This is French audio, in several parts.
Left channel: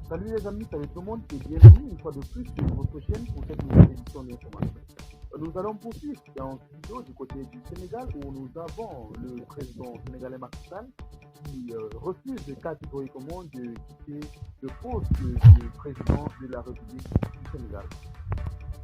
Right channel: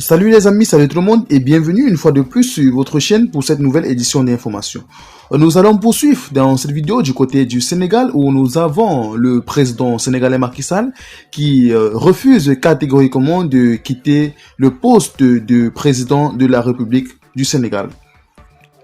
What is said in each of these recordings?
Salut les amis, salut tout le monde et bienvenue une fois de plus sur votre chaîne pour cette nouvelle édition d'information. Nous allons poursuivre dans cette vidéo du côté du Sénégal où nous avons le président sénégalais Macky Sall qui refuse catégoriquement de quitter le poste de président de la République du Sénégal.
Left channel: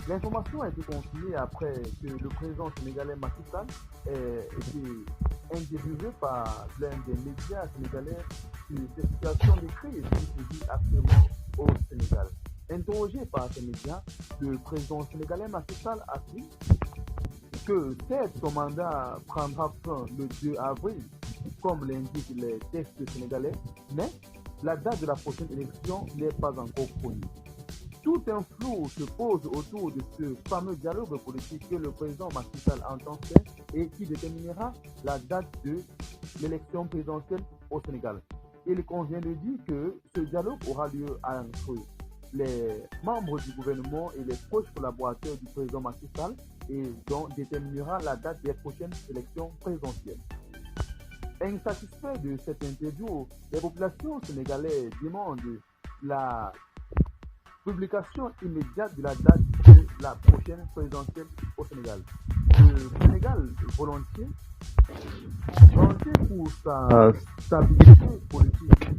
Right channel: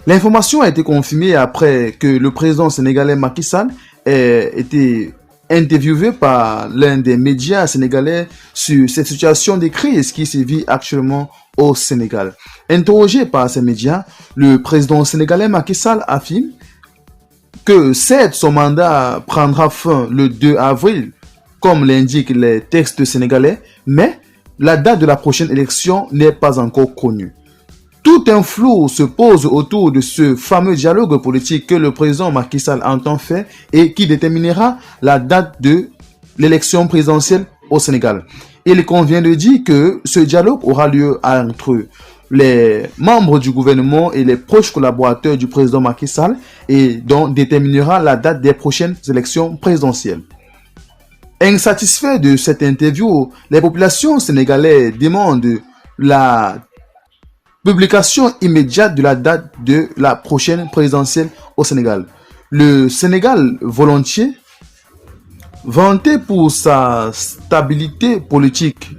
L'information a été confirmée après que le président sénégalais Macky Sall ait été interviewé par l'un des médias sénégalais sur cette situation de crise qui se vit actuellement au Sénégal. Interrogé par ces médias, le président sénégalais Macky Sall affirme que certes son mandat prendra fin le 2 avril, comme l'indiquent les textes sénégalais, mais la date de la prochaine élection n'est pas encore connue. Tout un flou se pose autour de ce fameux dialogue politique que le président Macky Sall entend faire et qui déterminera la date de l'élection présidentielle au Sénégal. Il convient de dire que ce dialogue aura lieu entre les membres du gouvernement et les proches collaborateurs du président Macky Sall et donc déterminera la date des prochaines élections présidentielles. Insatisfaits de cette interview, les populations sénégalaises demandent la publication immédiate de la date de la prochaine présidentielle au Sénégal. Le Sénégal volontiers, vanté pour sa stabilité politique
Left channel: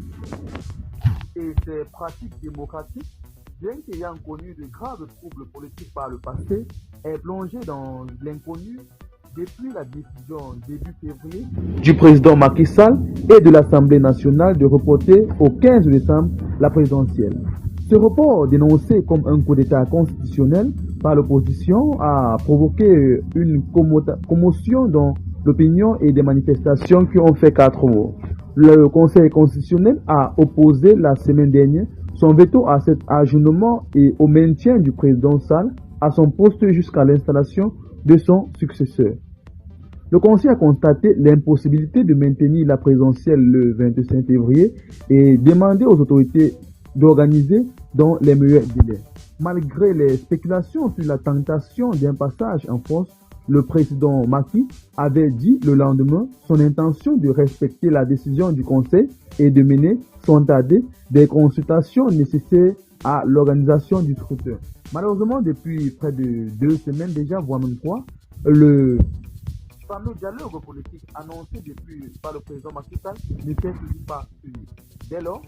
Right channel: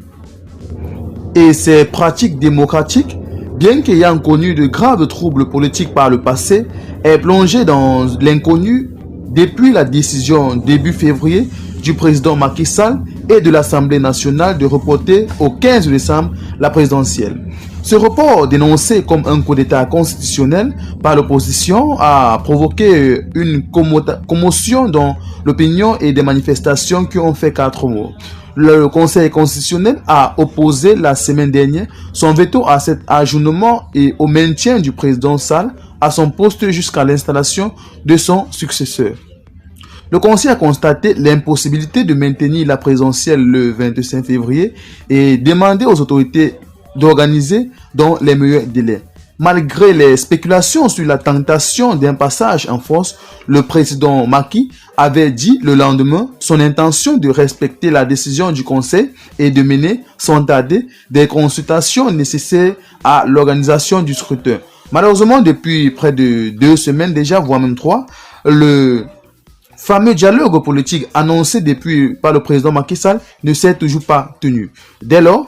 et ses pratiques démocratiques, bien qu'ayant connu de graves troubles politiques par le passé, est plongé dans l'inconnu depuis la décision début février du président Macky Sall et de l'Assemblée nationale de reporter au 15 décembre la présidentielle. Ce report, dénoncé comme un coup d'État constitutionnel par l'opposition, a provoqué une commotion dans l'opinion et des manifestations qui ont fait 4 morts. Le Conseil constitutionnel a opposé la semaine dernière son veto à cet ajournement et au maintien du président Sall à son poste jusqu'à l'installation de son successeur. Le Conseil a constaté l'impossibilité de maintenir la présidentielle le 25 février et demandé aux autorités d'organiser dans les meilleurs délais. Malgré les spéculations sur la tentation d'un passage en force, le président Macky avait dit le lendemain son intention de respecter la décision du Conseil et de mener sans tarder des consultations nécessaires à l'organisation du scrutin. Malheureusement, depuis près de 2 semaines déjà, voire même 3, le fameux dialogue politique annoncé par le président Macky Sall ne s'est toujours pas tenu. Dès lors,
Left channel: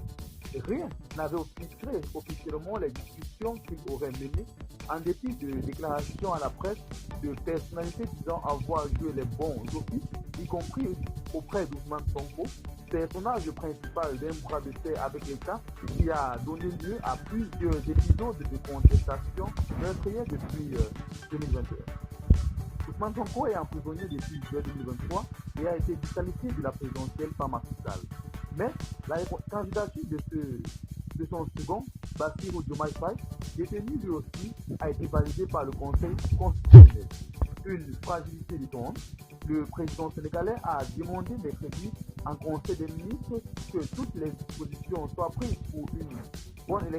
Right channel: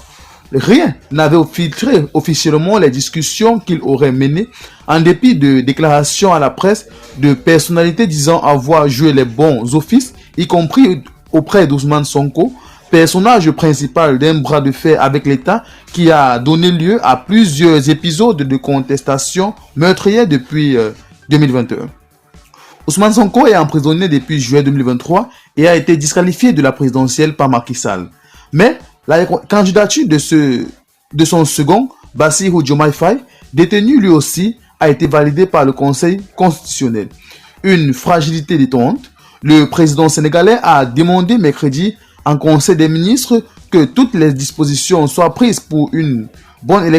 rien n'avait filtré officiellement les discussions qu'il aurait menées, en dépit de déclarations à la presse de personnalités disant avoir joué les bons offices, y compris auprès d'Ousmane Sonko, personnage principal d'un bras de fer avec l'État qui a donné lieu à plusieurs épisodes de contestation meurtrière depuis 2021. Ousmane Sonko est emprisonné depuis juillet 2023 et a été disqualifié de la présidentielle par Macky Sall. Mais la candidature de son second, Bassirou Diomaye Faye, détenu lui aussi, a été validée par le Conseil constitutionnel. Une fragilité détente, le président sénégalais a demandé mercredi en Conseil des ministres que toutes les dispositions soient prises pour une bonne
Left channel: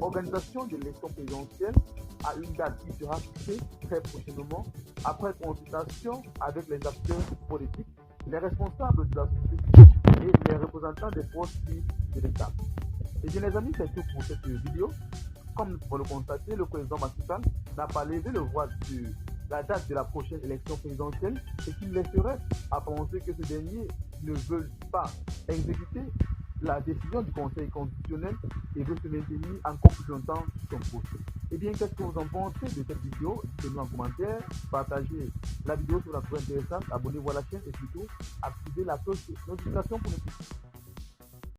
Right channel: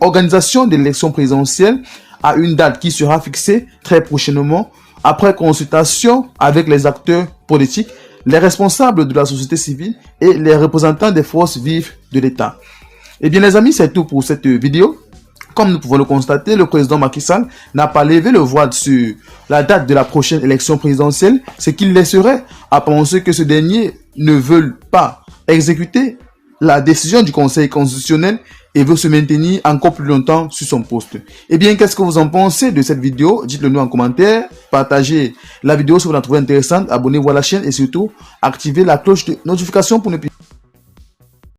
organisation de l'élection présidentielle à une date qui sera fixée très prochainement après consultation avec les acteurs politiques, les responsables de la société civile et les représentants des forces vives de l'État. Eh bien les amis, c'est tout pour cette vidéo. Comme nous pouvons le constater, le président Macky Sall n'a pas levé le voile sur la date de la prochaine élection présidentielle, ce qui laisserait à penser que ce dernier ne veut pas exécuter la décision du Conseil constitutionnel et veut se maintenir encore plus longtemps sur son poste. Eh bien, qu'est-ce que vous en pensez de cette vidéo? Dites-le nous en commentaire, partagez la vidéo si vous la trouvez intéressante, abonnez-vous à la chaîne et surtout, activez la cloche de notification pour ne plus